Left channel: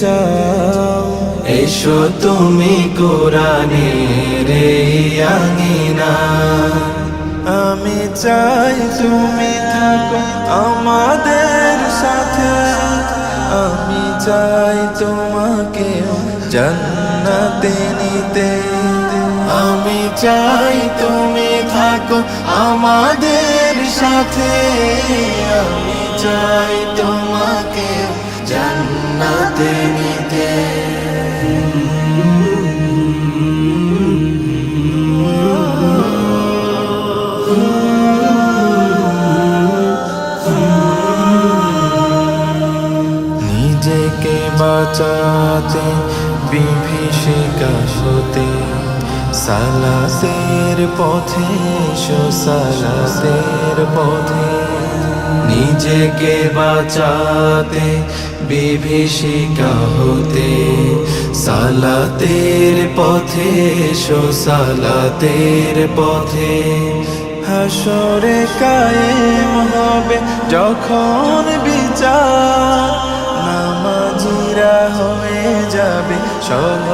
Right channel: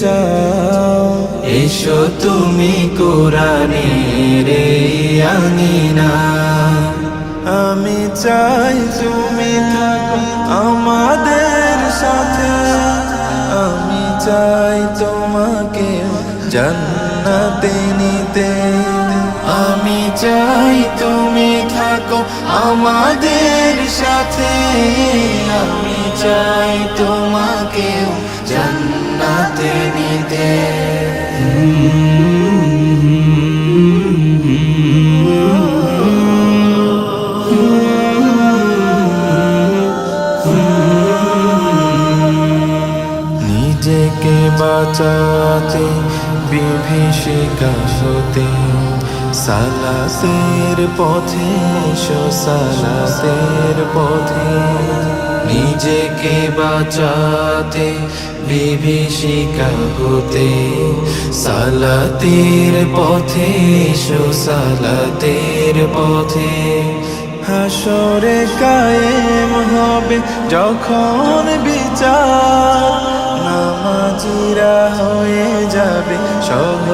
যাও এসো তুমি কোরআনের এই আঙিনা আমি চাই তুমি থাকো আমাদের সাথে আমি চাই তোমাকে জান্নাতে নিতে আমি চাই তুমি থাকো আমাদের সাথে আমি চাই তোমাকে জান্নাতে নিতে নিজেকে বাঁচাতে বিভীষিকা হতে সালাতের পথে এসো সালাতের পথে নিজেকে বাঁচাতে বিভীষিকা হতে সালাতের পথে এসো সালাতের পথে হাসরে কায়েম হবে যখন বিচার নামাজিরা হয়ে যাবে সহ